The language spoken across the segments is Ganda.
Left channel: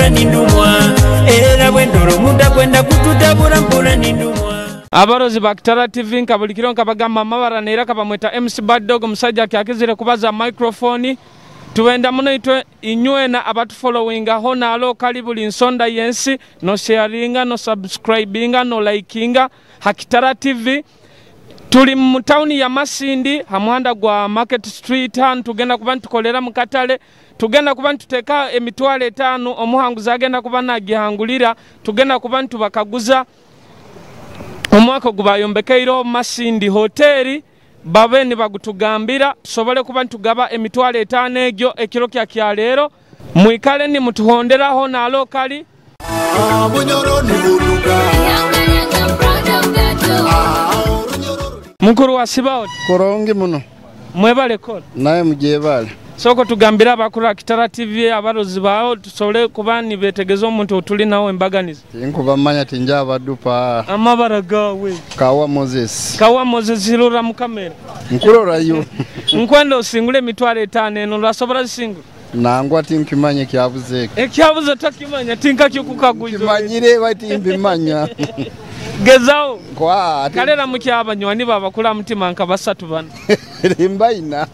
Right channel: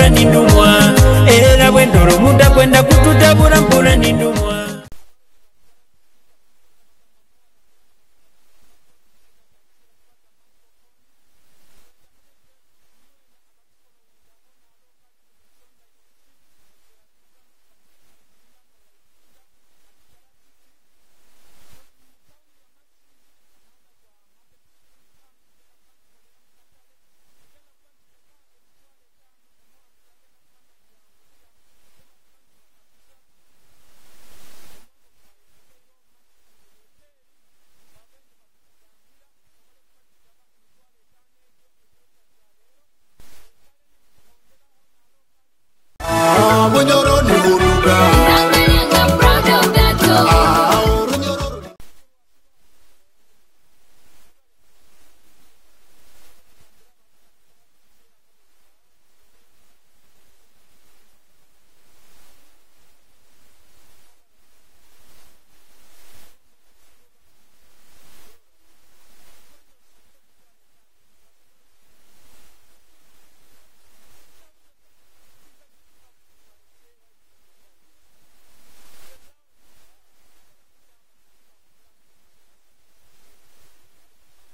mpura nindumwa era bwendoro muda kwenda kututabura mpura nindumwa. Abarozi ba Kitara TV nkabulikiro nkabagamba mabara neera kabamweta MC Bad Dog musajja kyakizire kubaza microphone tuwenda muno itwe inywena abatu followinga hona alo kalibuli nsonda yensi no sharinga no subscribinga no likinga ha Kitara TV. Tuli mu town ya Masindi hamuhanda gwa Market Street han tugenda kuba ntukolera mu Katale tugenda kuba ntuteka emitwale 5 omuhanguza agenda kuba nagihangulira tugenda kuba ntubakaguza Mwaka gubayombekeiro Masindi hoteli babeni bagutugambira sobole kuba ntugaba emitwale 5 egyo ekiro kya kyalero mwikale ni mutuhonderaho na lokali mukuru wa Sibaot korongi muno mwebale kola naye mujebale soko tugambira bakuru Kitara TV abarozi bawo tusole kuba ni betegezo omuntu otuli nawo embaganiza inkuba manya tinja badupa amabara gawe kawa Moses lura mu kamera nkurora yo nkwenda osingule mitwale 5 eno lwasobora singu nangwa tinkimanye Ekihabuzo Ekihabuzo takimanya tinkakikukaguza kimanyire bati mbimanya gezao kwa kalera mukyaba nywani baba kula mutima nka basatu bana mbaina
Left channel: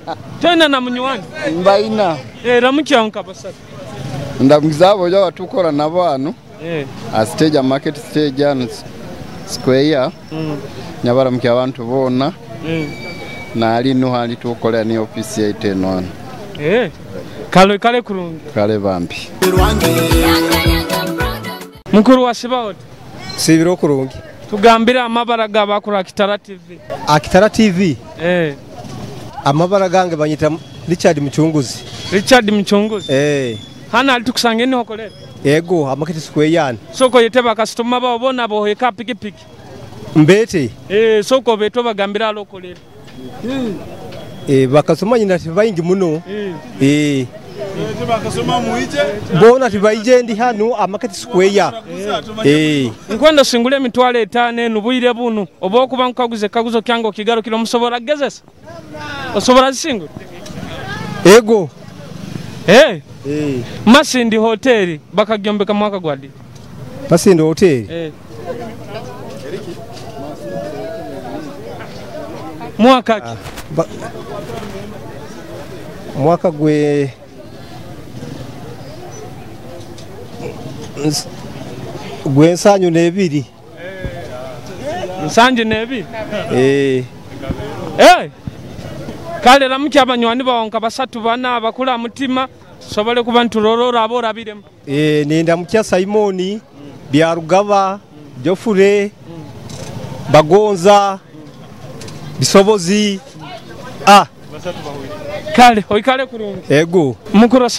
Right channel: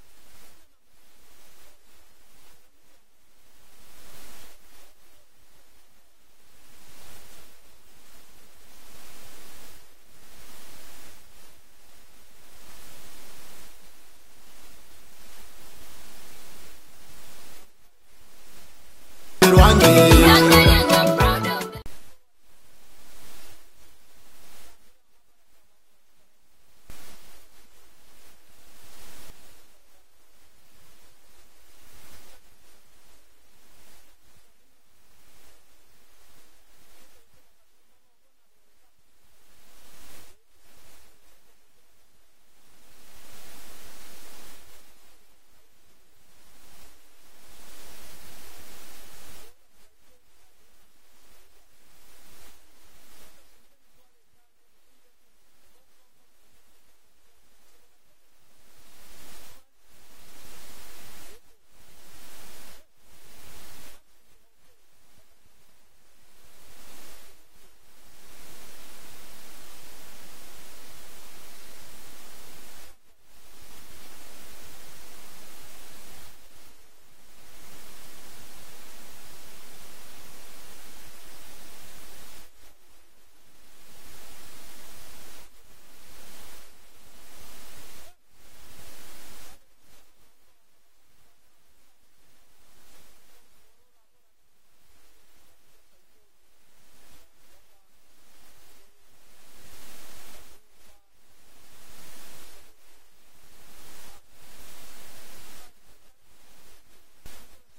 tena na munywani mbaina era mukyanka basatu ndamuzabo yo batukora nabano a stage market stage and square nyabara mukya abantu bona na ali no hali tukola ni office ya 10 kale kurungi kale bambi mukuru wa Sibaot sibiro kurungi tugambira amabara gabakuru Kitara TV Kitara TV amabara gange banyita Richard Mchunguzi hana alitukusangeni hokolera ego amaketi square yani soko yeteba customer babo bona bo heka pikipiki mbete soko beto bagambira alokolera bakasoma nyina tibayingi muno bakasoma muije bona tibayije ndi hano amaketi square nkwenda singule mitwale 5 nubuyire bunu obo kuba nkaguze kaguzo kyango kigaro kilo musobora gezesa osobora singu ego Masindi hoteli bakagyombeka mwaka gwadi Masindi hoteli mwaka mwaka gwe nsanyu nebiri nsanje nebiri kale ramukya abanywani bawonka basatu bana abakula mutima sobole kuba nturorora abora biremo nenda mukya Simoni byarugaba Jofure Bagonza Bisobozi kale oikale kurungi ego mukuru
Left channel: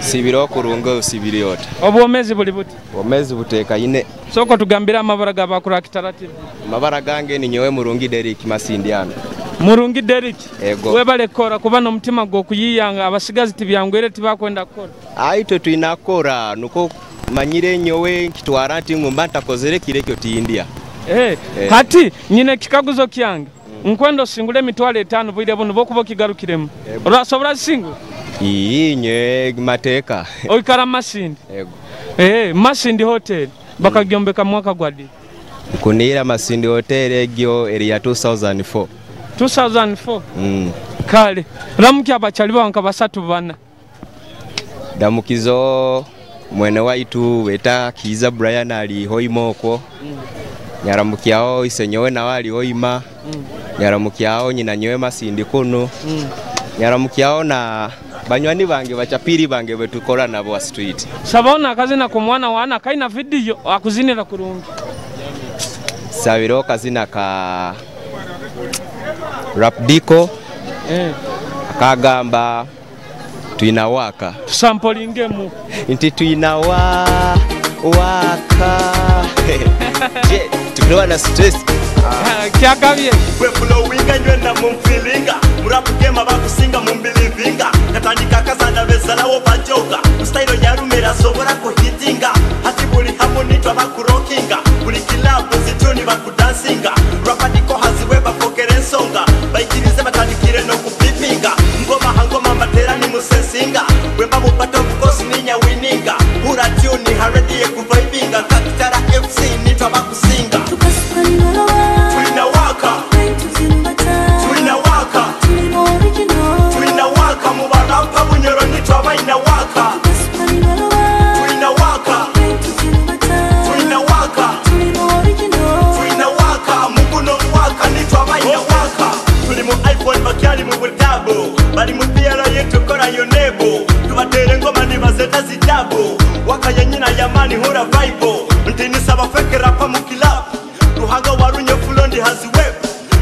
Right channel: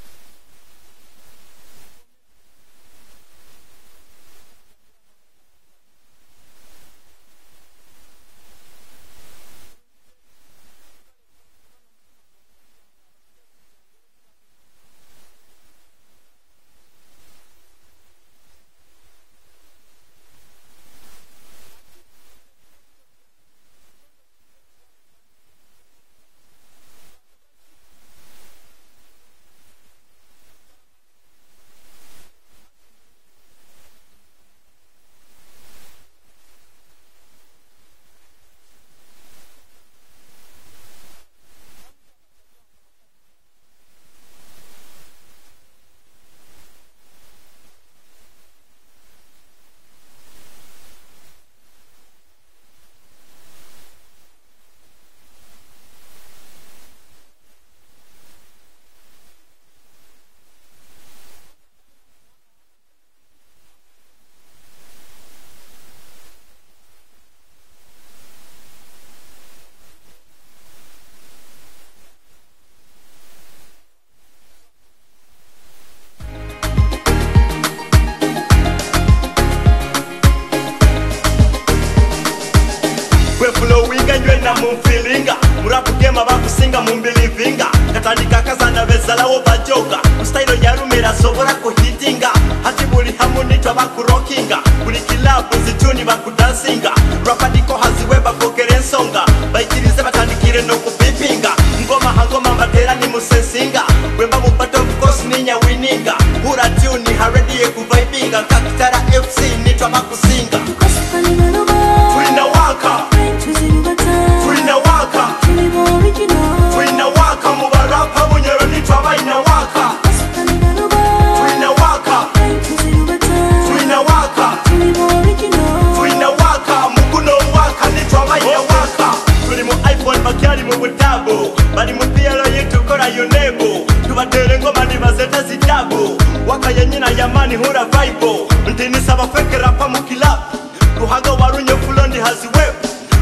sibiro kurungo sibiriota obwomezi buli buti omezi buteka ine soko tugambira amabara gabakuru Kitara TV mabara gange ni nyewe murungi Derek Masindi ano murungi Derek ego webale kora kuba no mutima go kuyiyanga abasigazi tibyangwere tibakwenda kora aito twinakora nuko manyire nyowe kitwara nti ngumba ntakozere kirekyo ti India hati nyine kikaguzo kyange nkwendo singule mitwale 5 bwire bunu bokubo kigarukiremo orasobora singu inye mateka oikara Masindi ego Masindi hotel bakagyombeka mwaka gwadi kunira Masindi hotel egyo area 2004 kale ramukya abachali banka basatu bana damukizo mwene waitu weta Kiza Brian ali hoimoko nyaramukyao isenyowe na wali hoima nyaramukyao nyina nyewe Masindi kuno nyaramukyao na banywani bange bachapiri bange betukora nabo street sabona kazina kumwana wana kaina video akuzinira kurungi sabiro kazina ka Rapdiko akagamba tuinawaka samplingemu inti tuinawaka tunoa na stress kyakabye we flowing anywe na mumfilinga murapu game abakusinga mumbelivinga katandika kazana bezalawo bajoga style ya rumera sobora ko hitinga hati buli hamunitwa bakurokinga buli club zituni bakudansinga Rapdiko haziwe bakokere nsonga bayikirize batandikire no kupipinga ngoma hangoma matera ni musensinga wemba mupato of course ninya wininga hura tuni haredi kuvibinga Kitara FC nitwa bakusinga Tulina waka Tulina waka Tulina waka mubarapa bunyero nitwa baina waka Tulina waka Tulina waka Tulina waka mukuno waka nitwa baina waka Tuli mu iPhone bakyali mu butabo bali mu PLO yetu kora yonebo tubatere ngoma nibazeta zitabo waka nyina yamani hura vibe ntini saba fake rapa mu club ruhaga warunye fulondi haziwe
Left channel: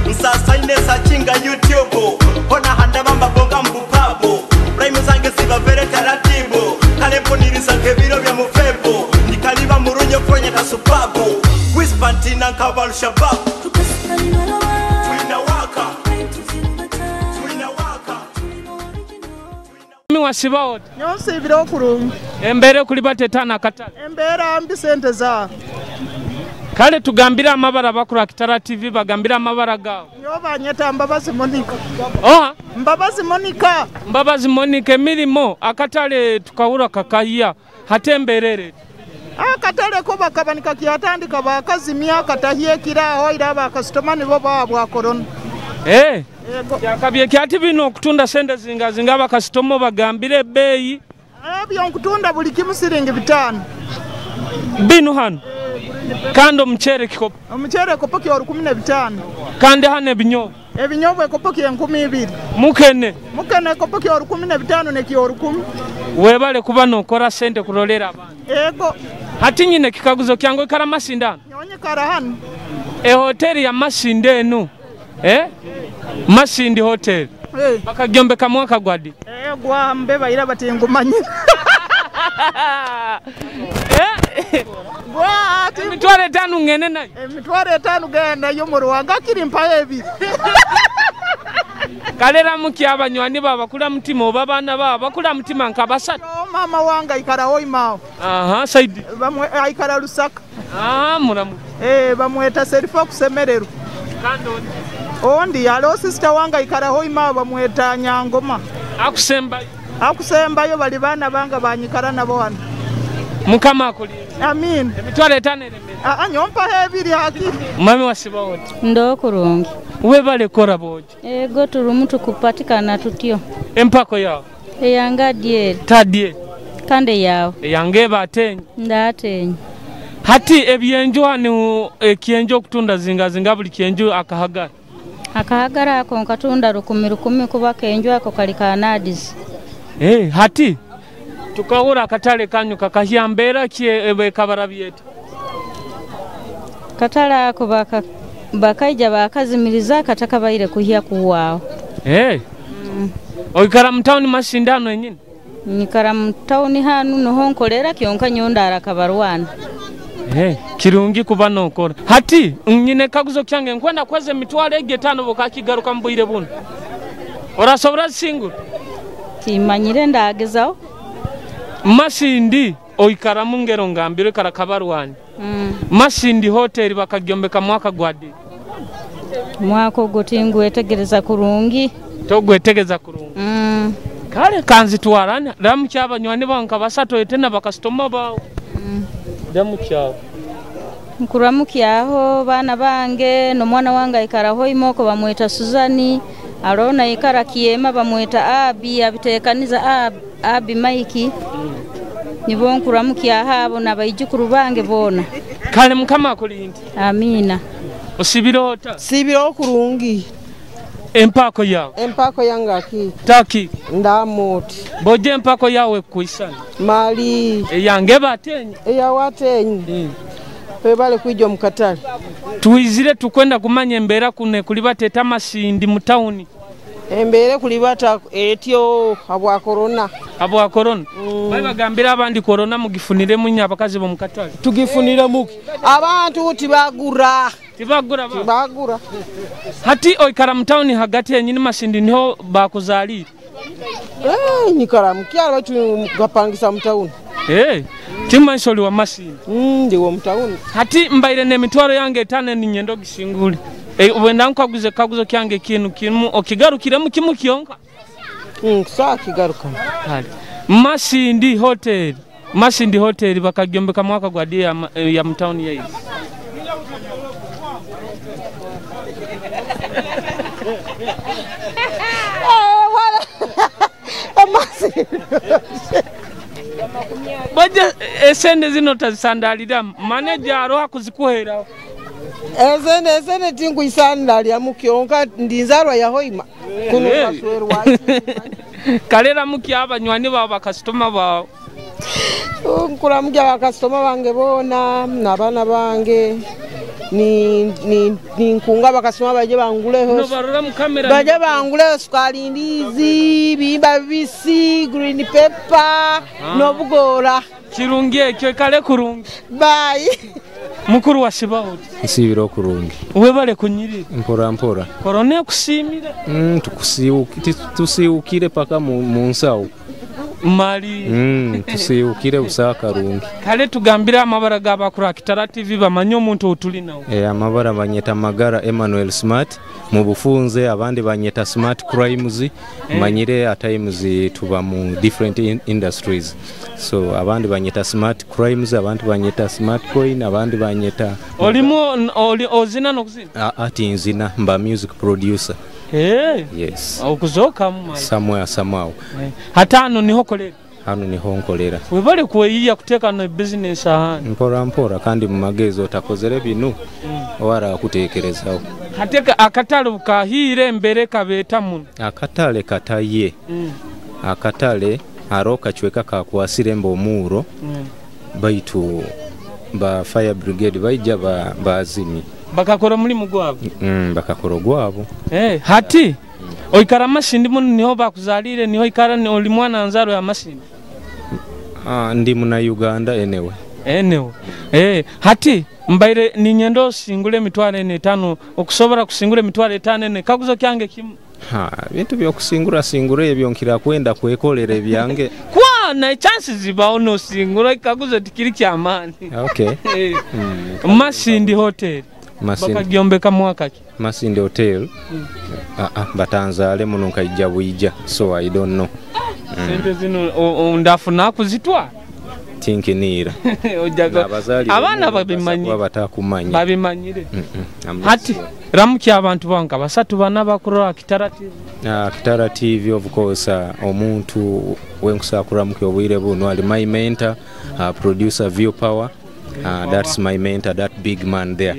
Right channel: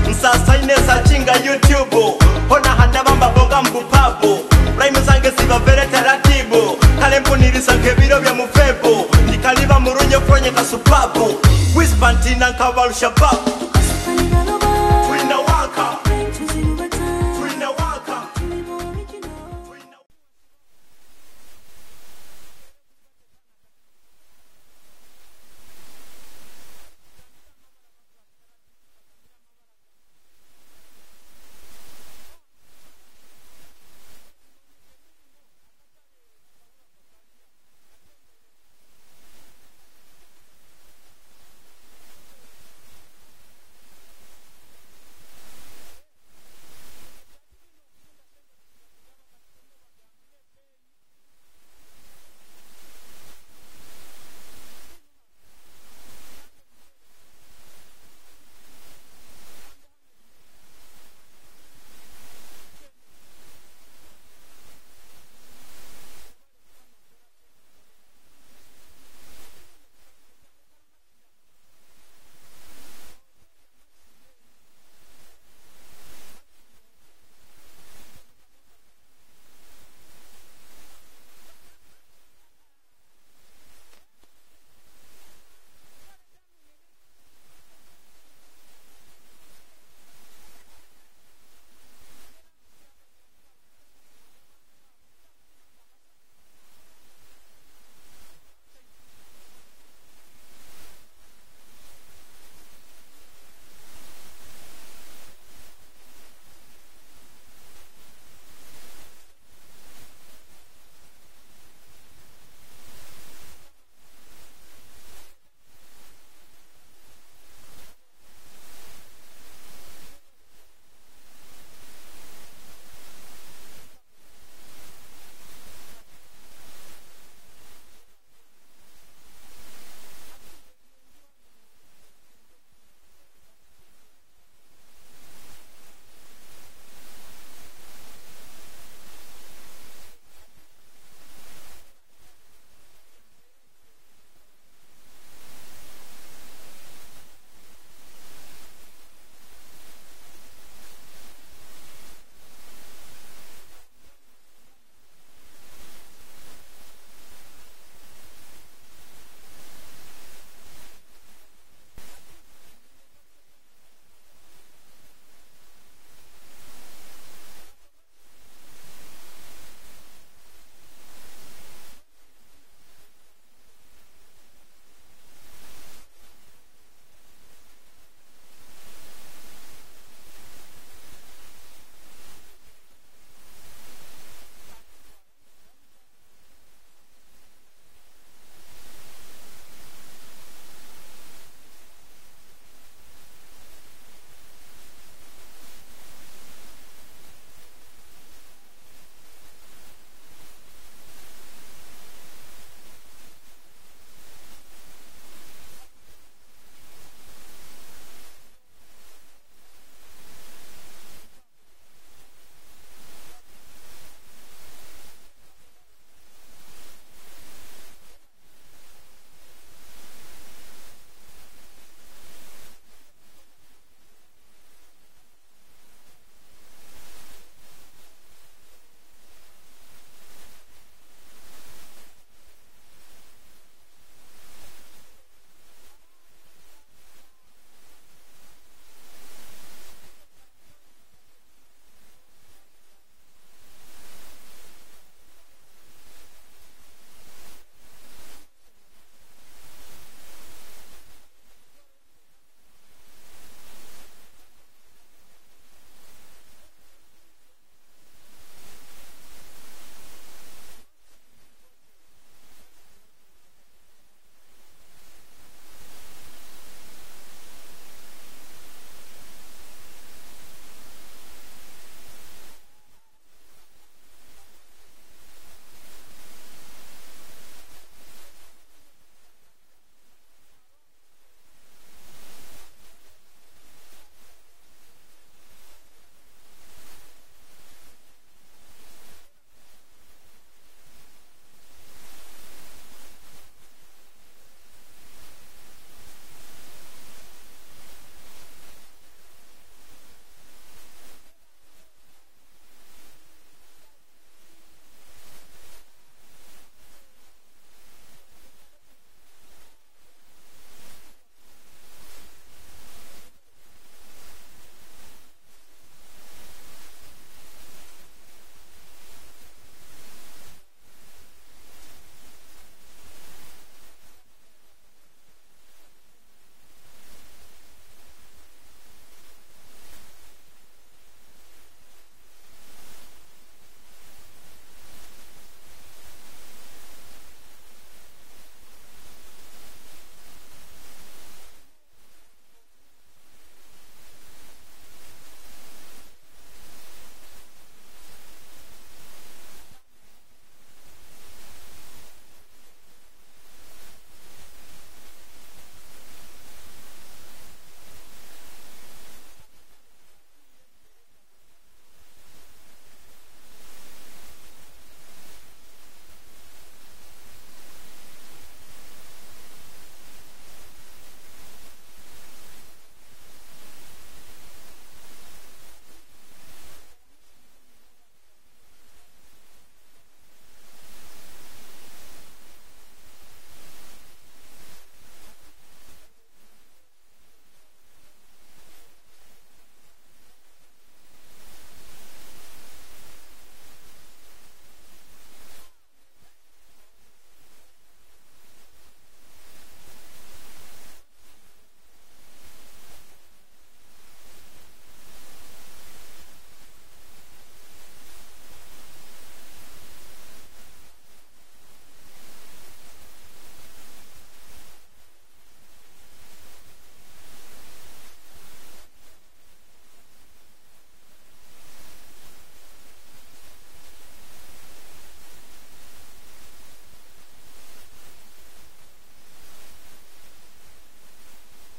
nsasa inesa chinga YouTube hona handa bamba bonga mbupabo rhyme zange ziba vere taratibu kalempo nirisanke biro bya mufebo nikaliba murunye fronye kasupabu wispantina kabalu shabab wasiba wote nyonse ibiro okurungi embere kuli batetana Katale embera mbi sente za kale tugambira amabara bakura Kitara TV bagambira amabara gao yo banyeta mbabazi Monica mbabazi Monica milimo akatale tukawura kakaya hatemberere akatale ko bakabanika kyatandika bakazimya katahiye kiraho iraba customer bo bwa corona yakabye kyati bino okutunda sente zinga bakasitomo bagambire beyi byo nkutunda buli kimu siringi 5 bino hano kandi omuchere kikopo omuchere kopo ki 15 kandi hano ebinyobwa kopo ki 12 mukene kopo ki 15 ne ki 10 webale kuba nokora sente kulolera abantu hati nyine kikaguzo kyango kara Masindi nyonye kara hano hoteli ya Masindi eno Masindi hotel bakagyombeka Mwaka gwadi gwa mbeba ira batingumanye gwa mitware 5 ngene nayo mitware 5 genda yo mu Rwanda kiri mpaye ebi kalera muki abanywani baba kula mutima obabana baba bakula mutima nkabasatu mama wanga ikara hoimao saidi bamwe aikara Lusaka muramu bamweta Serifa kusemerero kandoni ondi alo sister wanga ikara hoima bamweta Nyangoma akusembayo bali bana banga banyikara nabo hano mukama akuli amin emitwale 5 nyompa hebiri hakiri mami wasiba wote ndo kurungi webale kora boje ego turumutu kupatikana tutyo empako yao yanga die tadie kande yao yange batenye ndatenye hati ebyenjo hano ekienjo kutunda zinga buli kienjo akahagara ako nkatunda 10 kuba kenjo ako kali kanadis hati tukawura akatale kanyu kakahiyambera kie kabara byetu katala ako bakaija bakazimiriza kataka baire kuhiya kuwao oikara mtauni Masindano enyine nikara mtauni hanu no nkolera kyonka nyondara kabarwana kirungi kuba nokora hati nyine kaguzo kyange nkwenda kweze mitwale 5 bokakigaruka mbuyire buno orasobora singu timanyire ndagezao Masindi oikara mungero ngambire kara kabarwani Masindi hotel bakagyombeka Mwaka gwadi Mwaka gotingu etegereza kurungi togwetegeza kurungi kale kanzi twarani ramu cy'abanywani banka basato etena bakastoma bawo damu cyabo nkuramukiaho bana bange no mwana wanga ikaraho imoko bamweta Suzani arona ikara kiema bamweta Entekaniza abi Maiki nibo nkuramukiaho abo nabayijukuru bange bona kale mukama akulindi amina osibirota sibiro kurungi empako yanga ki taki ndamoti boje empako yawe kuisana mali yange batenye watenye pebale kwijjo Omukatale tuizire tukwenda kumanya embera kune kulibateta Masindi mu town embere kulibata etyo abwa corona bali bagambira abandi corona mugifunire munya abakazi bo Omukatale tugifunire muki abantu tibagura hati oikara mu town hagati yenyini Masindi niho bakuzalira nyikara mukyalo batu gapangisa mu town timansoli wa Masindi ndi wo mu town hati mbaire ne mitwaro yange 5 ni nyendo gishinguli wenda nkaguze kaguzo kyange kimu okigarukire mu kimu kiyonka sa kigaruka Masindi hotel Masindi Hotel bakagyombeka mwaka gwadi ya mtauni yayi. Baje esende zino tazisandalira manager aro kuzikuhera. Esende tingu isandalira mukionka ndinzarwa ya Hoima. Kuno baswerwa. Kalera muki abanywani baba customer bawo. Nkuramuja bakasitoma bange bona nabana bange ni nkunga bakasoma baje banguleho no barora mu kamera baje banguleho sukari ndizi bimba bisi green pepper no bugora kirungi ekyo kale kurungi bye mukuru wa sibaho isibiro kurungi webale kunyiri mpora korone kusimira tusiukire paka mu nsawo mali tusiukire usaka rungi kale tugambira amabara g'abakura Kitara TV bamanyo omuntu otulinawo amabara banyeta magara Emmanuel Smart mu bufunze abandi banyeta Smart Crimes manyire at times tuba mu different industries so abandi banyeta Smart Crimes abandi banyeta Smart Coin abandi banyeta olimo ozina nokuzina ati nzina mba music producer yes okuzoka mu somewhere hatano niho kolera hano niho nkolera webale kuyiya kuteka no business ahandi mpora kandi mu magezo takozere binu wara kutekerezaho hateka akatale ukahire mbere kabeta muno akatale kataye akatale aroka chweka kakwasire mbomuro baitu ba fire brigade baija bazimi bakakora muri mugwabo bakakora gwabo hati oikara Masindi muno niho bakuzalire niho ikara ni oli mwana nzaro ya Masindi ndi muna Uganda enewe hati mbaire ni nyendo singule mitwale 5 okusobora kusingule mitwale 5 kaguzo kyange kimu bintu byo kusingura ebyo nkira kwenda kwekolera byange kwa na chances zibao no singura kaguzo tikiri kyamani okay Masindi Hotel bakagyombeka mwaka ki Masindi Hotel batanzale muno nkajja buyija so I don't know sente zino ndafuna kuzitwa tinkinira abana babimanyire hati ramuki abantu banka basatu bana bakuru Kitara TV Kitara TV of course omuntu wenkusakura muki obwire buno ali my mentor producer View Power that's my mentor, that big man there.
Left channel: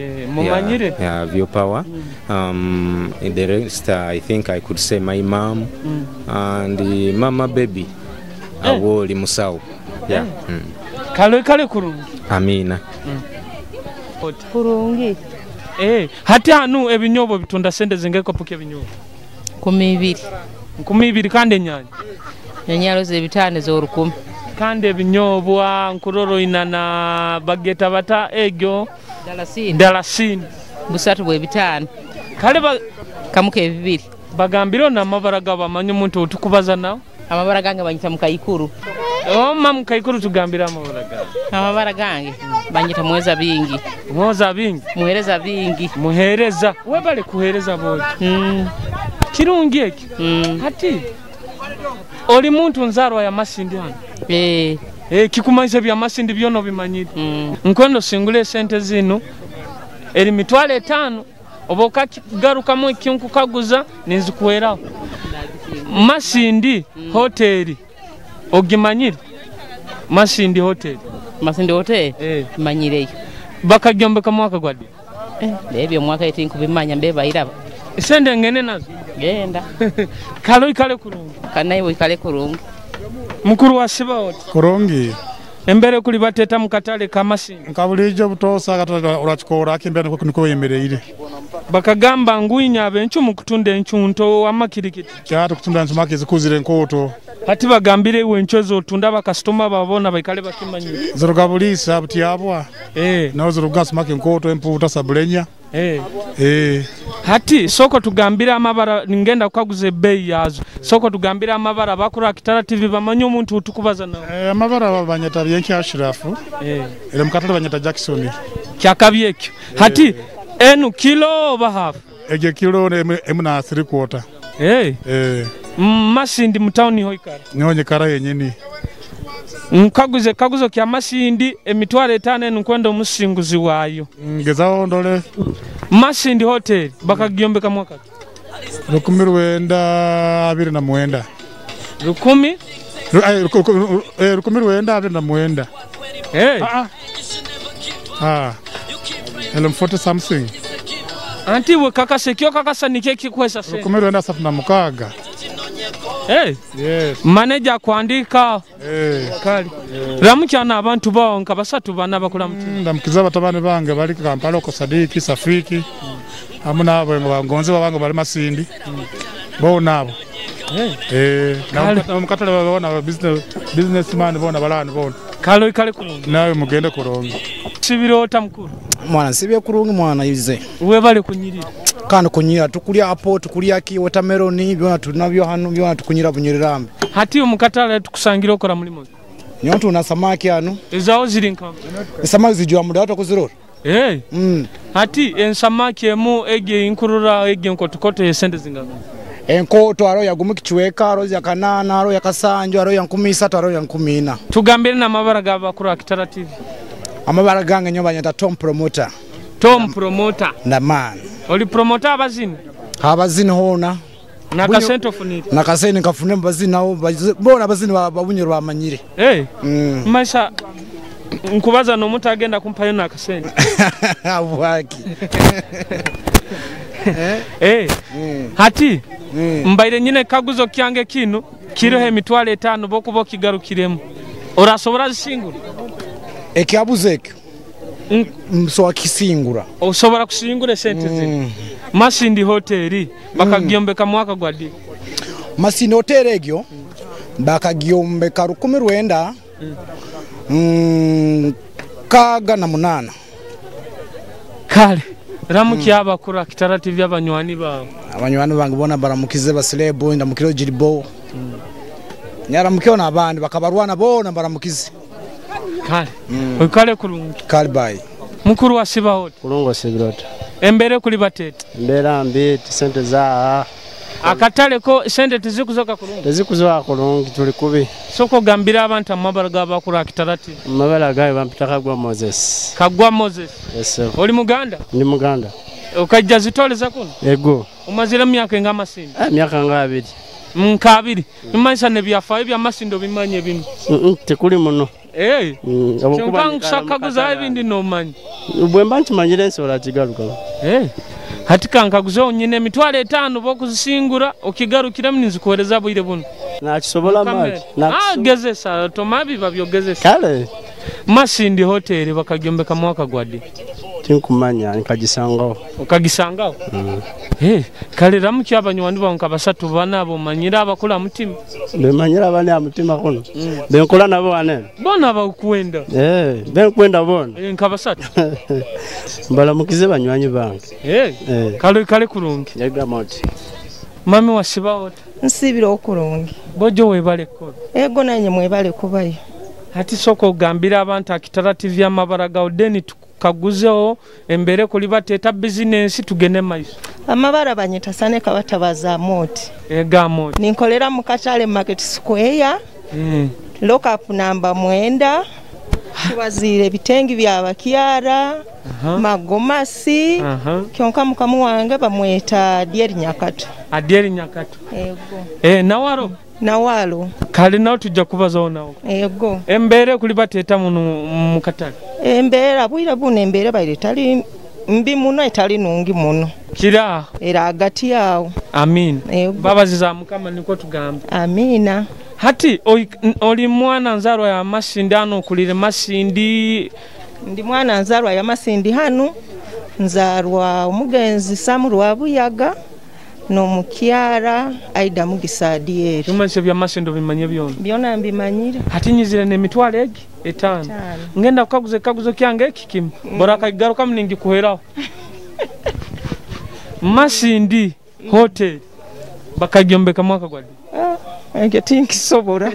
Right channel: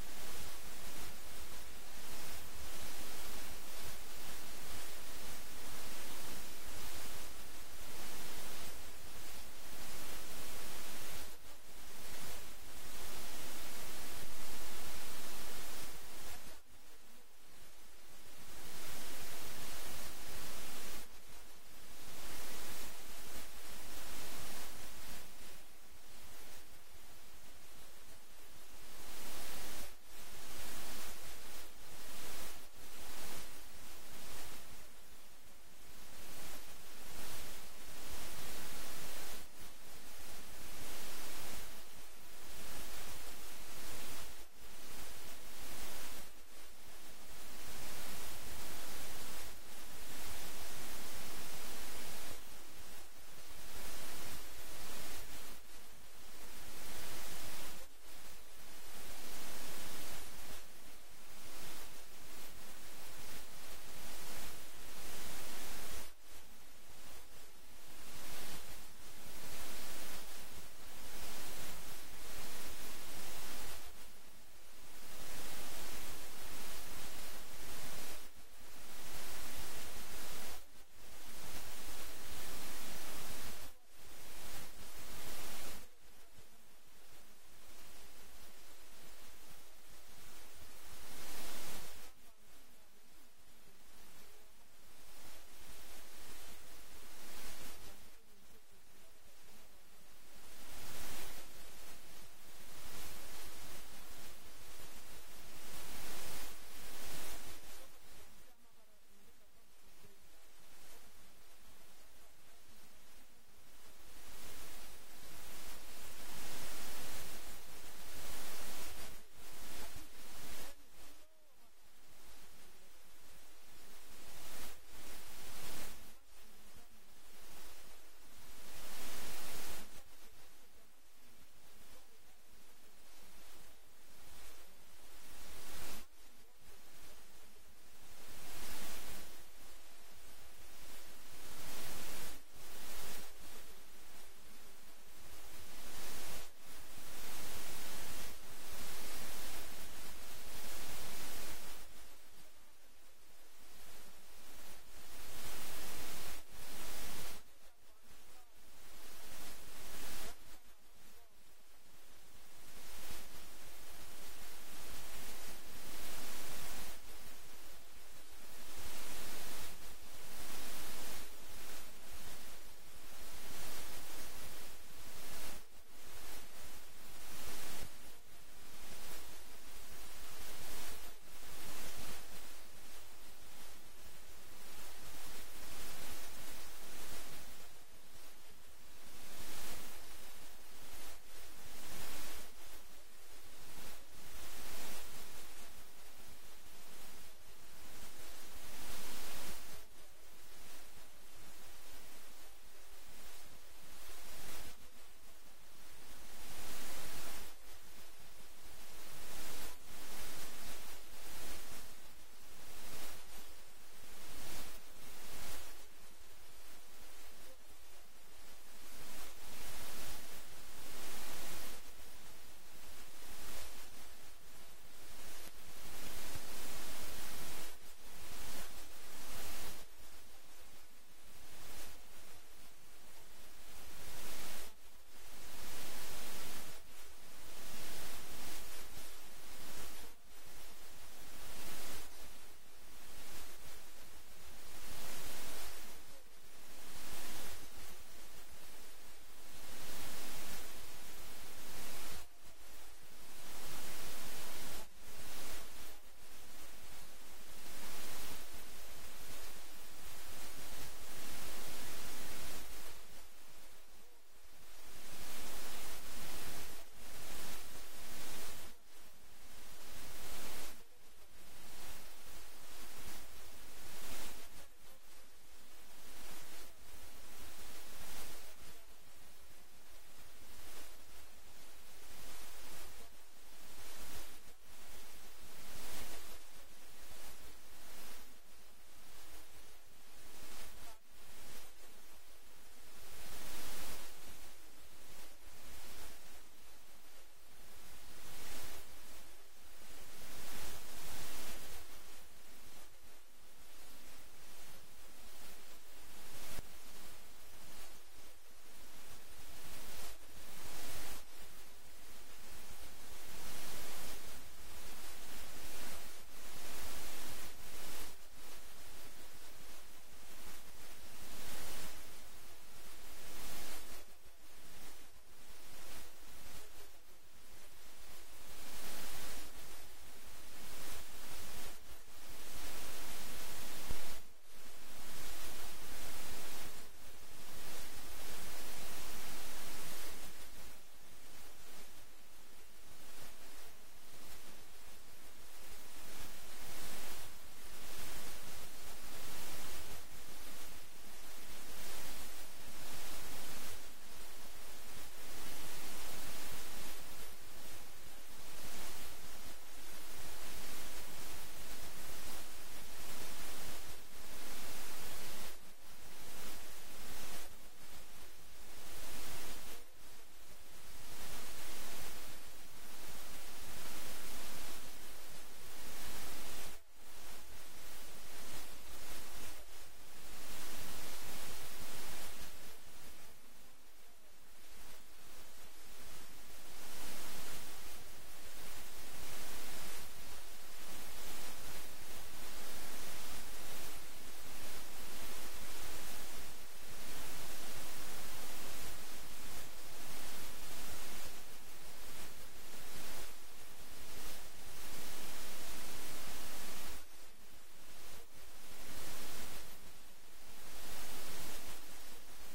View Power. The rest, I think I could say my mom and the mama baby. Awoli Musau. Kale kurungi. Amina. Kurungi. Hati hanu ebinyobo bitunda sente zingeko puke ebinyobo. 12 kande nyanya. Nyanyalo ze bitane zo 10. Kande binyobwa nkuroro inana bageta bata egyo dalasini busatu bwe bitano kale kamuke 2 bagambiro na mabara gaba manyo muntu otukubaza nawo amabara gange banyita mukayikuru mam kayikuru tugambira amabara gange banyita mweza bingi muhereza bingi muhereza webale kuhereza bodi kirungi eki hati oli muntu nzarwa ya Masindi hano Kikumanyisa bya Masindi byono bimanyire nkwendo singule sente zino eri mitwale 5 oboka garuka mu kinku kaguza ninzikuweraho Masindi Hotel ogimanyire Masindi Hotel manyireyo bakagyombeka mwaka gwadi ebyo mwaka etinku bimanya mbeba iraba sende ngene nazo genda kale kurungi kanayiwe kale kurungi mukuru wa sibaho kurungi embere kuli bateta mukatale ka Masindi nkabulijo butosa katala urachikora akimbere niko yemereire bakagamba nguinya abenchu mukutunda enchunto amakirikiti cyatu kutunda nsumake zikuzire nkoto hati bagambire wenchozo tunda bakastoma babona baikale bakimanyire zorugabulisa butiyabwa nazo rugasumake nkoto emputa sabulenya hati soko tugambira amabara ngenda kukaguze bei yazo soko tugambira amabara bakura Kitara TV bamanyo umuntu utukubaza nawo amabara banyata byenki ashirafu ele mukatale banyata Jackson kyakabyekyo hati enu kilo bahafu ege kilo emuna 3/4 Masindi mtauni hoikara nyonye kara yenyeni Nkaguze kaguzo kya Masindi emitwalo 5 nkwenda omusinguzi waayo. Ngezaho ndole. Masindi hotel bakagyombeka mwaka. 1929. 1929. Hey. Elem 40 something. Anti we kakase kyo kakasa nike kikwesa se. 1976. Hey. Yes. Manager kuandika. Kali. Ramukyana abantu bawo nka basatu bana bakula mutima. Ndamukiza batabane bange bali Kampala ko Sadiki Safiki. Amuna abo ngonze babange bali Masindi. Bo nabo. Omukatale babona businessman bona balani bona. Kalo ikale kulungi. Nawe mugende kulongi. Sibirota mukuru. Mwana sibe kulungi mwana yize. Uwe bale kunyirira. Kandi kunyira tukulya apo tukulya ki watermelon byona tunabyo hano byona tukunyira bunyirirambe. Hati Omukatale tukusangira okora mulimo. Nyontu na samaki hano. Ezawo ziri nkama. Samaki zijwa muda watakuzirora. Hati ensamaki emu ege inkurura ege nkotokoto yesente zingana. Enkoto aro yagumuki kiweka aro ya kanana aro ya kasanjo aro ya 13 aro ya 14. Tugambire na mabara gaba kuri Kitara TV. Amabara gange nyoba nyata Tom Promoter. Tom Promoter. Na man. Oli promoter abazini. Abazini hona. Na kasento funita. Na kaseni kafune bazini nao bona abazini babunyiro bamanyire. Maisha nkubaza no muntu agenda kumpayo na kasenti. Abwaki. Hati mbaire nyine kaguzo kyange kino kiriho emitwalo 5 bokubo kigarukiremo. Orasobora zisingura. Ekihabuzo ekyo. Mso akisingura. Osobora kusingura sente zino. Masindi hoteli bakagyombeka mwaka gwadi. Masindi hoteli egyo bakagyombeka 19 kaga na 8. Kale ramukiya bakura Kitara TV abanywani bawo. Abanywani bange bona baramukize basilebo ndamukiro jiribo. Nyaramukyo nabandi bakabarwana bona baramukize. Kale. Kale kulungi. Kale bye. Mukuru wa siba hote. Kulungo sibirota. Embere kuli batete. Mbera mbi sente za akatale ko sente tizikuzoka kulungi. Tizikuzoka kulungi tuli kubi. Soko gambira abantu amabara gaba kuri Kitara TV. Mabara gawe bampita kagwa Moses. Kagwa Moses. Yes sir. Oli Muganda? Ndi Muganda. Okajja zitoleza kuno? Ego. Umazira myaka nga Masindi. Myaka nga 2. Nkabiri. Imanisa ne byafa ebya Masindo bimanye bino. Tekuli muno. Chonkangu sakaguza ebindi no manyi. Ubwemba nchimanyire nsola kigaruka. Hatika nkaguzo nyine mitwalo 5 bokuzisingura okigarukira mnizikohereza bwire buno. Nakisobola maji. Gezesa tomabi babyogezesa. Kale. Masindi hotel bakagyombeka mwaka gwadi. Tinkumanya nkagisangaho. Ukagisangaho? Kale ramukya abanywani banka basatu bana abo manyira abakula mutima. Bemanyira bane amutima kono. Benkola nabo wane. Bona bakwenda. Benkwenda bona. Nkabasatu. Balamukize banywanyi bange. Kale kulungi. Yaga moti. Mami wasiba ota. Nsibira okulungi. Bojo webale ko. Ego nanye mwebale kubayo. Hati soko gambira abantu Kitara TV amabara ga odeni kaguzeho embere kuli bateta business tugene maiso. Amabara banyita sane kabatabaza moti. Ega moti. Ninkolera mu Katale Market Square. Lock up number 9. Kiwazire bitengi bya bakyara. Magomasi. Kyonka mukamu wange bamweta Dieri Nyakato. Adieri Nyakato. Ego. Nawaro. Nawalo. Kali nawo tujja kubazawo nawo. Ego. Embere kuli bateta mu Katale. Embera bwira bune embera bayire tali mbi muno etali nungi muno. Kira. Era agati yawo. Amin. Baba ziza mukama niko tugamba. Amina. Hati oli mwana nzarwa ya Masindi hano kulire Masindi. Ndi mwana nzarwa ya Masindi hano. Nzarwa omugenzi Samu wa Buyaga. No mukyara aida mugisadieri. Tumanse bya Masindi bimanye byona. Byona mbimanyire. Hati nyizire ne mitwalo egi 5. Ngenda kaguzo kyange kikimu. Boraka igaruka mningi kuheraho. Masindi hotel bakagyombeka mwaka gwadi. Tinki sobora.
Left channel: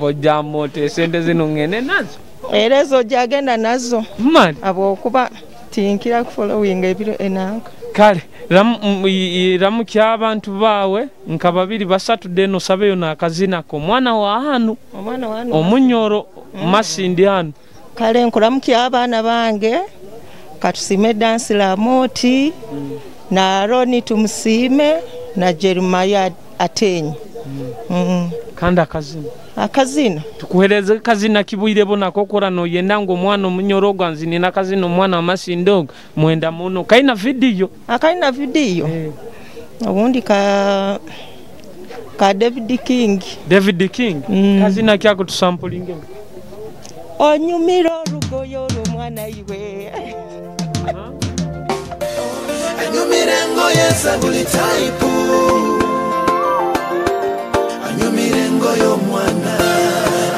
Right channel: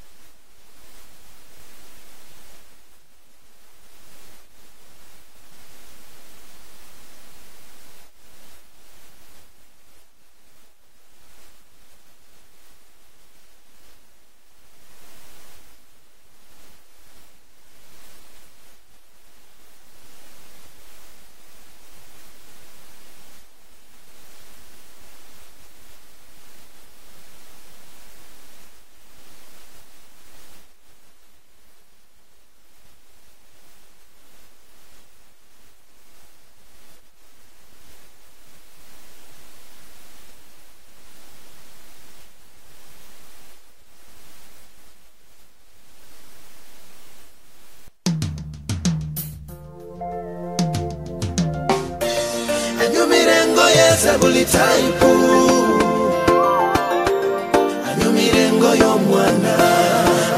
Boja mote sente zino ngene nazo. Erezo jagenda nazo. Man. Abo kuba tinkira following ebiro enanka. kale ramukya abantu bawe nka babiri basatu deno sabeyo na kazina ko mwana wa hanu omunyoro Masindi hanu kale nkuramukya abana bange katusime dansi la moti na Roni tumusime na Jeremiah atenyi kanda akazina tukuhereze kazina kibwire bonako korano yenda ngo mwana omunyoro gwanzini na kazina mwana wa Masindi mwenda muno kaina video ubundi ka David King kazina kyako tusampulinge onyumiro rugoyo mwana iwe anyumirengo yesa buli type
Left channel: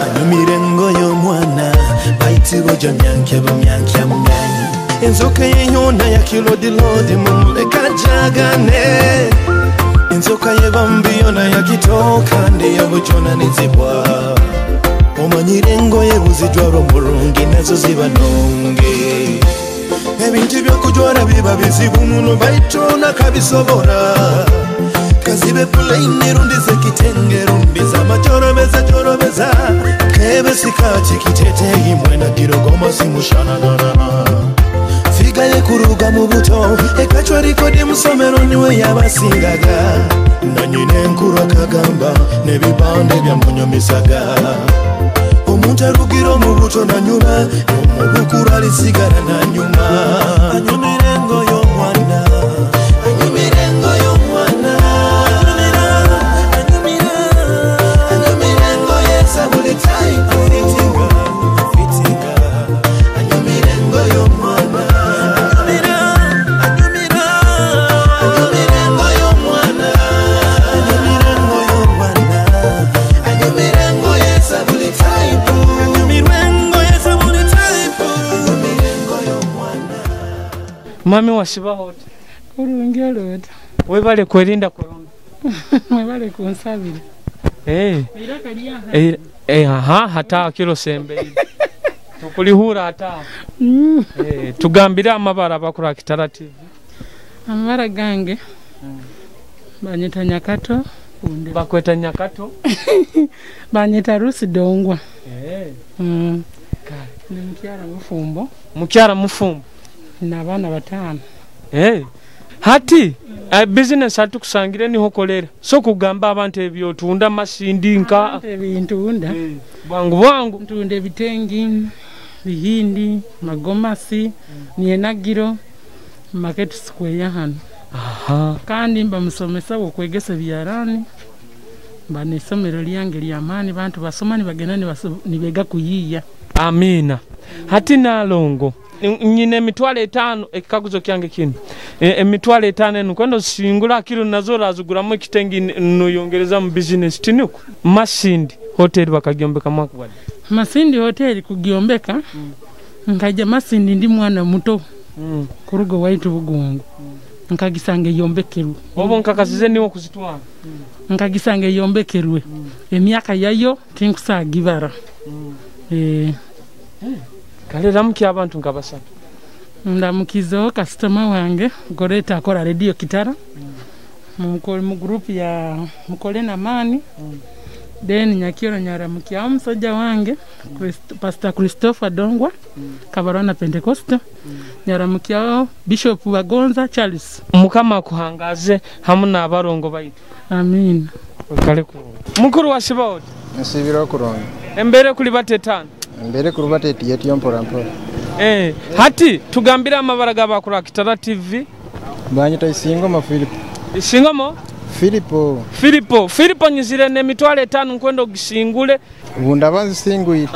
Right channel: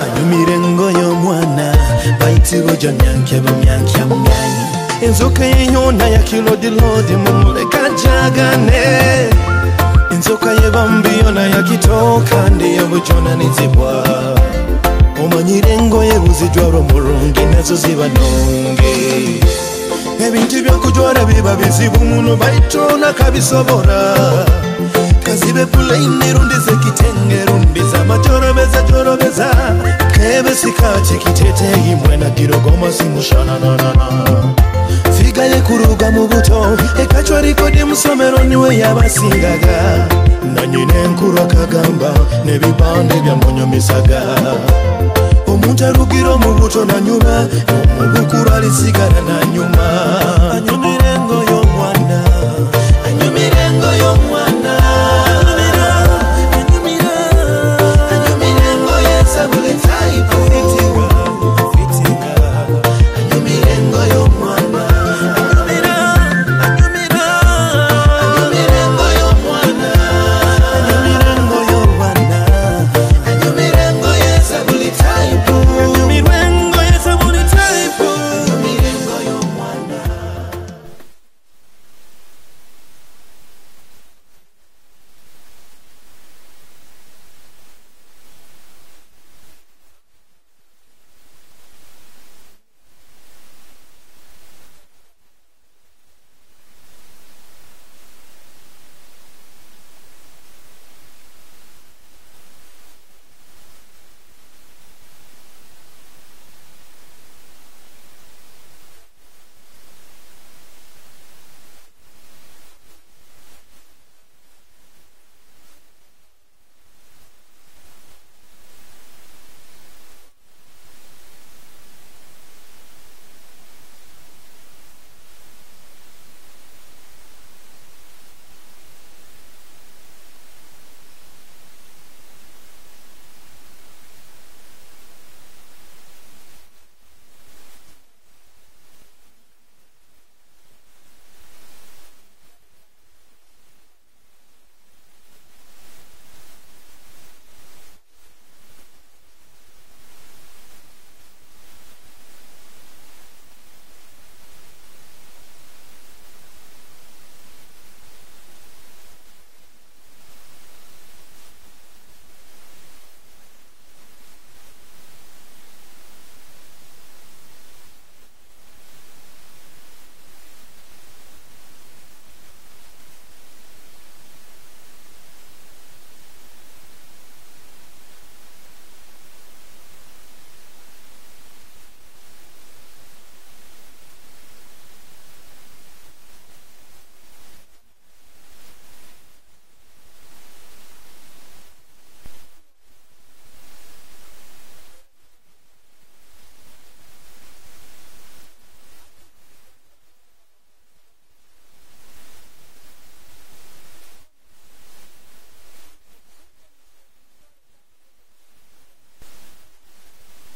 anyumirengo yo mwana baitigo janyanke bamyanke myanyi inzoka yona ya kilodi mumuleka jagane inzoka yebambiyo na yakitoka ndiyo bujona nizibwa omanyirengo yebuzijwaro murungi nazo zibanonge ebintu byokujwara biba bizibu muno baitona kabisobora kazibe pulaini rundize kitenge rundiza majorobeza kebe sikati kitete imwena girogoma simushana figa ye kuruga mu buto ekachwa rikodi musomero niwe yabasingaga na nyine nkuru akagamba nebibande bya munyomisaga omuntu arugiro mu buto na nyuma n'omubukuru alisigara na nyuma anyumirengo yo mwana Mami washibaho urungero webale kwerinda corona webale kunsabira hata kilo sembe tukulihura hata tugambira amabara bakura Kitara TV amabara gange banyita Nyakato bakweta Nyakato banyita Rusi Dongwa mukyara mufumbo n'abana batano hati business atukusangire niho kolera so kugamba abantu ebyo tunda Masindi nka ebintu unda bwangu tunda bitengi bihindi magomasi nienagiro market square hano kandi mbamusomesa Kwegesa byarani banisomero lyange lyamani bantu basoma nibagenda nibega kuyiya amina hati nalongo nyine emitwale 5 ekikaguzo kyange kino emitwale 5 nukwendo singula kilo nazo razuguramo ekitengi noyongereza mu business tinuko Masindi hotel bakagyombeka mwaka bali Masindi hotel kugyombeka nkaja Masindi ndi mwana muto kurugo waitu bugongo nkagisange yombekerwe obo nkakasize niwo kuzitwala nkagisange yombekerwe emyaka yayo tinkusagibara kale ramukya abantu nkabasatu ndamukizo customer wange goreta akora radio Kitara mu group ya mukole na mani then nyakiro nyaramukya omusajja wange Pastor Christopher Dongwa kabarona Pentecost nyaramukya Bishop Bagonza Charles mukama kuhangaze hamuna abarongo bayitu amin kale ku mukuru washibaho nsibira kuronga embere kuli batetana mbere kurubate yetiyo mpora hati tugambira amabara gabakura Kitara TV banyita Isingoma Philipo Isingoma Philipo nyizire ne mitwale 5 nkwendo gisingule bunda banzi singuye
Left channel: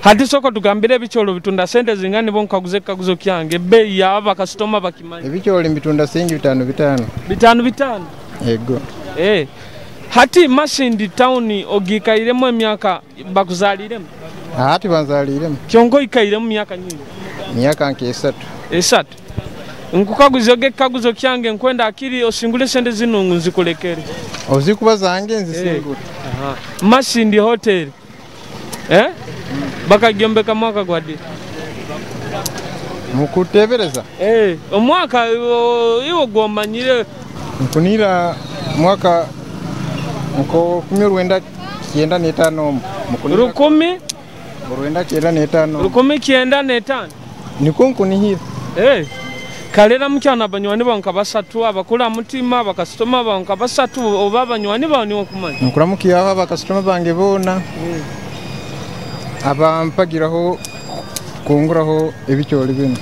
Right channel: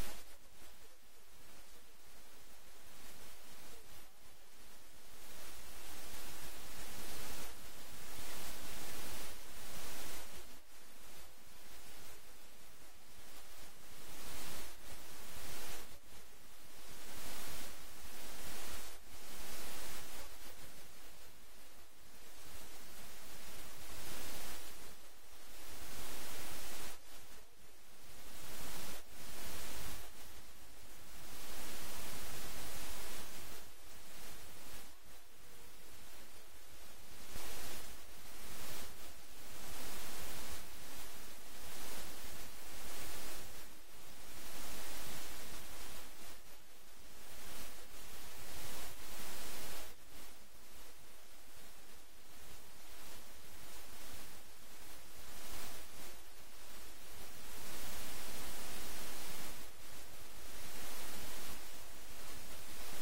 hati soko tugambire bicholo bitunda sente zingani bonkaguze kaguzo kyange bei ya aba customer bakimanya bicholo bitunda singi 5 ego hati Masindi town ogikairemo emyaka bakuzaliremo hati banzaliremo kyongo ikairemo myaka nyingi myaka nke 3 nkukaguzo kaguzo kyange nkwenda akiri osingule sente zinungu nzikolekere ozikuba zange nzisingule Masindi hotel bakagyombeka mwaka gwadi Mukutebereza? Omwaka iwo gwomanyire nkunira mwaka nko 1995 Rukumi 1995 niko nkunihira kalera mukyana abanywani banka basatu abakula mutima abakasitoma banka basatu oba abanywani bani okumanya nkuramukiyaho abakasitoma bange bona abampagiraho kunguraho ebicyoli bino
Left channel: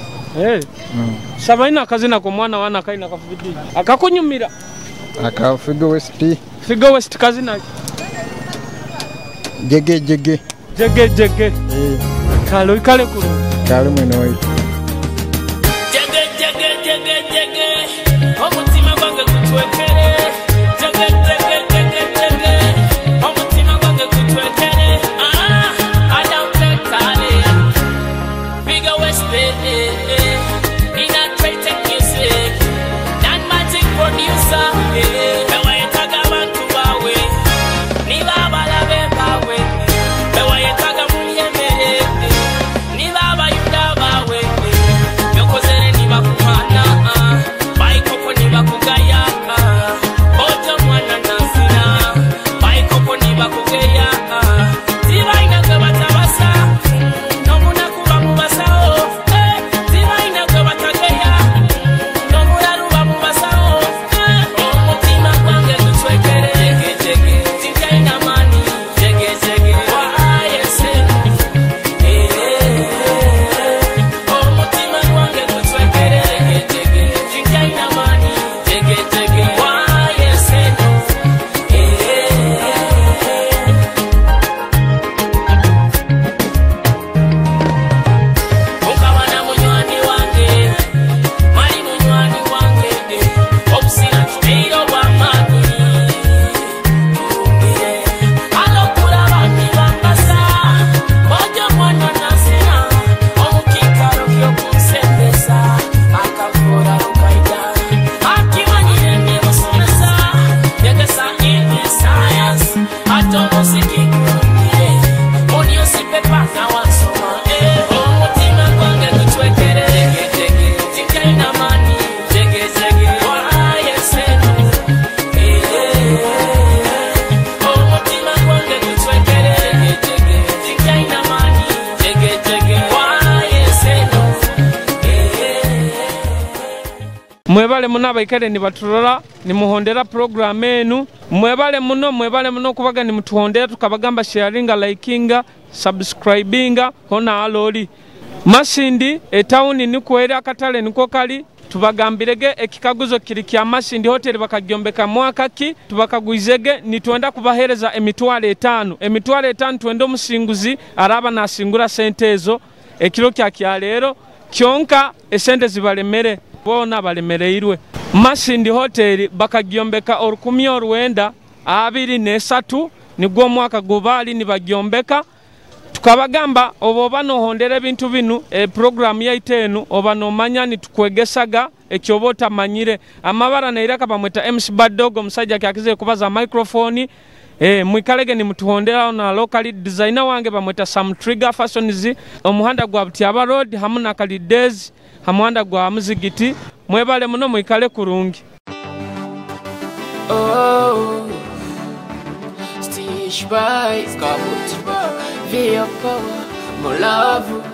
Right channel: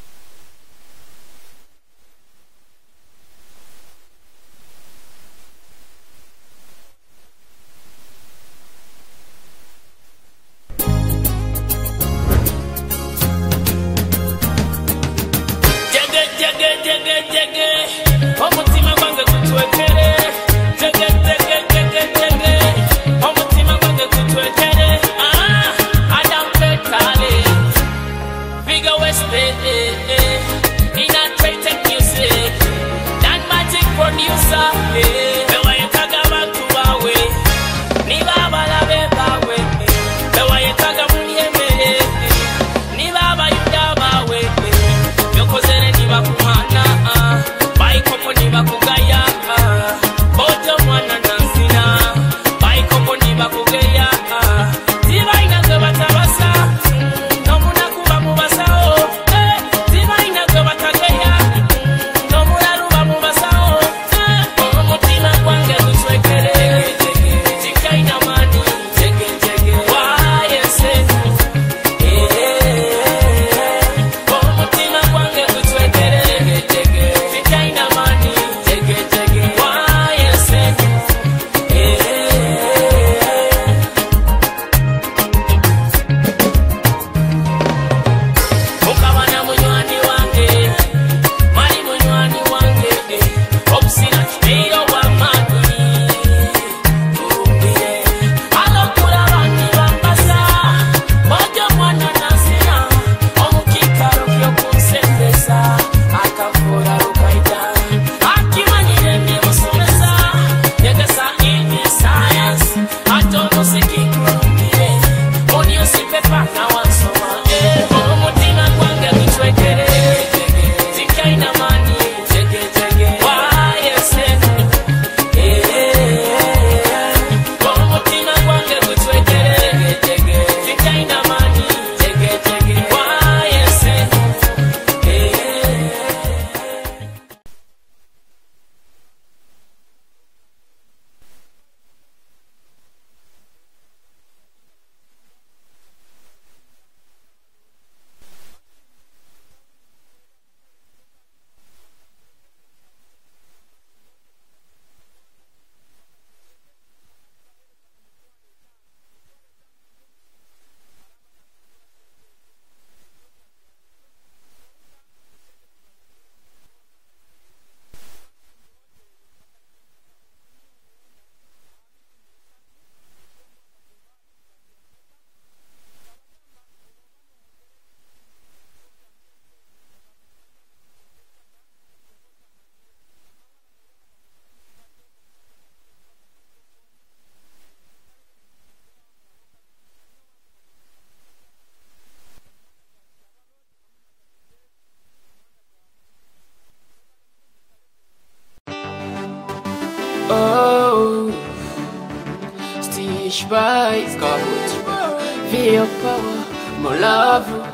sabaina akazina ko mwana wana kaina kafubidi akakunyumira akafigo west kazina jege kalo ikale ku kalo mwene waito jege omutima gwange kutwekere jege omutima gwange kutwekere Entekaniza Figo West in a trade music that magic producer bewa yetaga bantu bawe niba abalabe bawe bewa yetaga mulyemere niba abayuda bawe byokozere niba kumana bayikopo niba kugaya bojo mwana nansina bayikopo niba kugeya tiba inakwe batabasa nomuna kuba mubasao tiba inakwe batageya nomuna ruba mubasao omutima gwange gutwekere jege mani jege wayese omutima gwange gutwekere jege mani jege wayese ukabana munywani wange mali munywani wange obusina kiteiro bwamani turumbire alokula bani bambasa mojo mwana nasina omukikaro kyokunsembesa akavura lukaida akimanyire ndimusomesa yegesa English science atomosiki kurumbire oniosipepa na wansoma omutima gwange gutwekere jege mani jege wayese omutima gwange gutwekere jege mani jege wayese mwebale muno abaikale nibatulora nimuhondera program enu mwebale muno kubaga nimutuhondera tukabagamba sharinga likinga subscribinga hona aloli Masindi etauni nikwera akatale niko kali tubagambirege ekikaguzo kiri kya Masindi hotel bakagyombeka Mwaka ki tubakagwizege nitwenda kubahereza emitwale 5 twende omusinguzi araba nasingura sente ezo ekiro kya lero kyonka esente zibalemere bona balemereirwe Masindi hotel bakagyombeka orukumi orwenda 23 nigwo mwaka gubali nibagyombeka tukabagamba oboba nohondera ebintu binu program yaitenu oba nomanya nitukwegesaga ekyobota manyire amabara nairaka bamweta MC Baddogo musajja kyakize kubaza microphone mwikalege ni mutuhondera na local designer wange bamweta Sam Trigger Fashions omuhanda gwa Butyaba Road hamuna kali days hamuhanda gwa muzigiti mwebale muno mwikale kurungi Stitch by Via power, molavu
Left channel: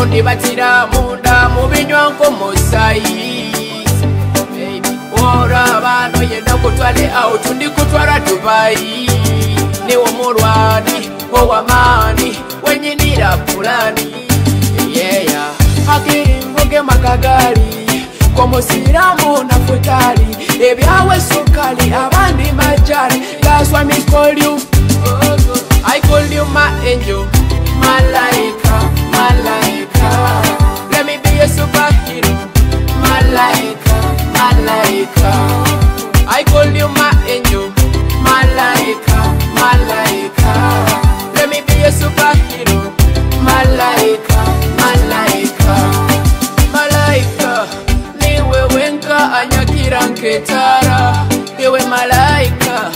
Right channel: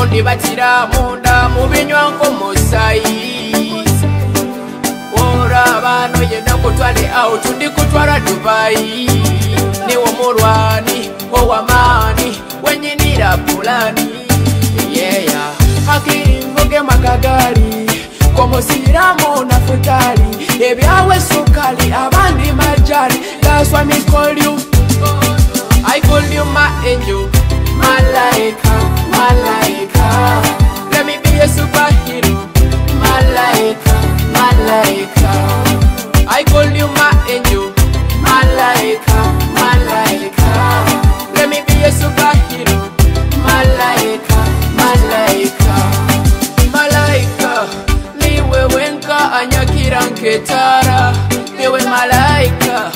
Ondi batira munda mubinywa nkomosayi Ora bano yenda kutwale out ndi kutwara Dubai Niwo murwani owamani wenyinira fulani yeah hakiri mvuge makagari Komosiramu na futari ebyawe sukali abandi majari that's why me call you I call you my angel malaika let me be a superhero malaika I call you my angel malaika let me be a superhero malaika niwe wenka anyakira nketara niwe malaika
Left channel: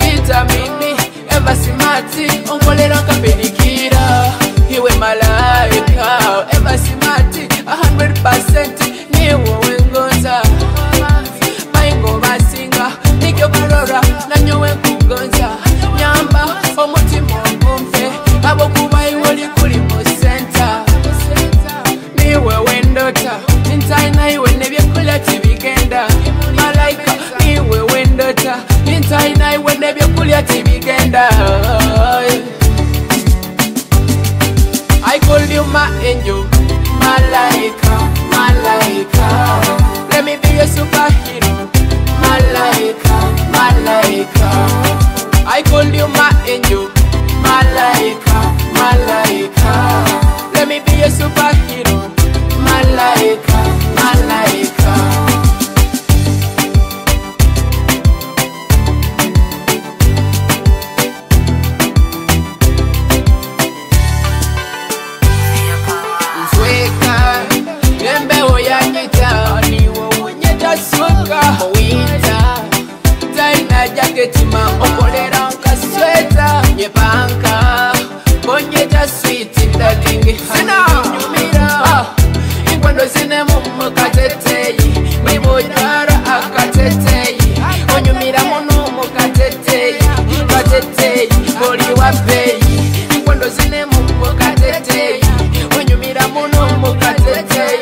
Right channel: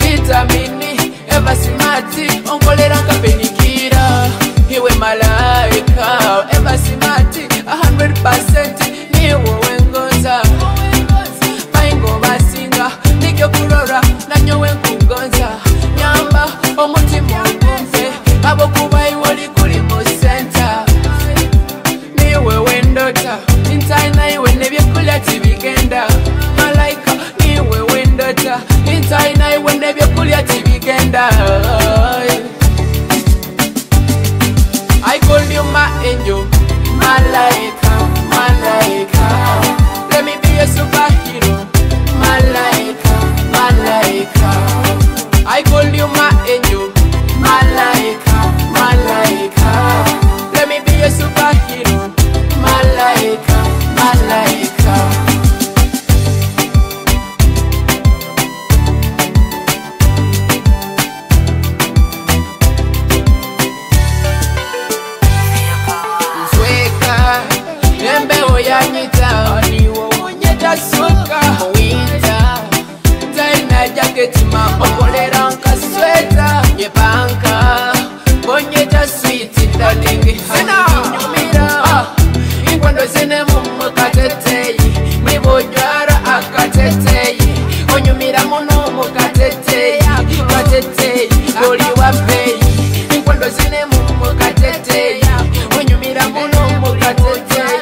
vitamini eva simati onkolera nkapenikira iwe malaika eva simati 100% niwe wengonza baingo basinga nikyo kurora nanyowe nkugonza nyamba omutima ogumve abo kuba iwe likuli mu center niwe wendota ntaina iwe nebyekulya tibigenda malaika niwe wendota ntaina iwe nebyekulya tibigenda. I call you my angel, malaika, malaika. Let me be a superhero, malaika, malaika. I call you my angel, malaika, malaika. Let me be a superhero, malaika, malaika. Ketima okolera nkasweta nyepanka bonyeta sweet darling sina nyumira inkwando zine mumukateteyi mwibojwara akateteyi onyumira muno mukateteyi kateteyi boli wapeyi inkwando zine mumukateteyi onyumira muno mukateteyi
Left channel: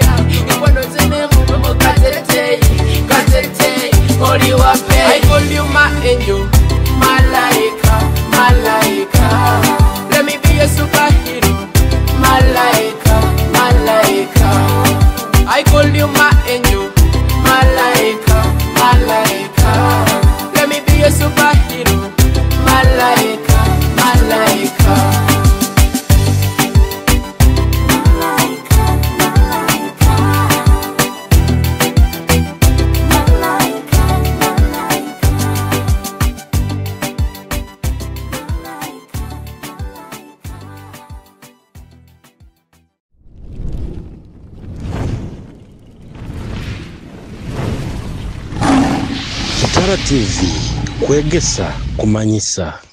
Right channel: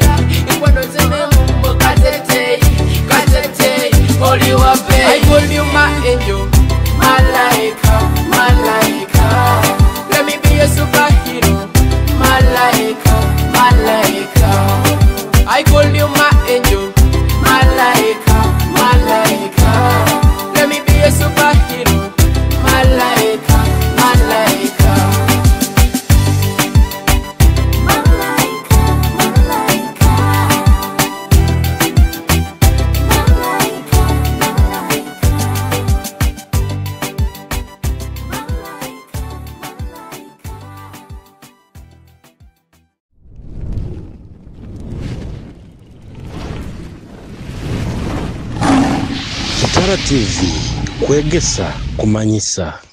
inkwando zine mumukateteyi kateteyi boli wapeyi. I call you my angel, malaika, malaika. Let me be a superhero, malaika, malaika. I call you my angel, malaika, malaika. Let me be a superhero, malaika, malaika. Kitara TV, Kwegesa, Kumanyisa.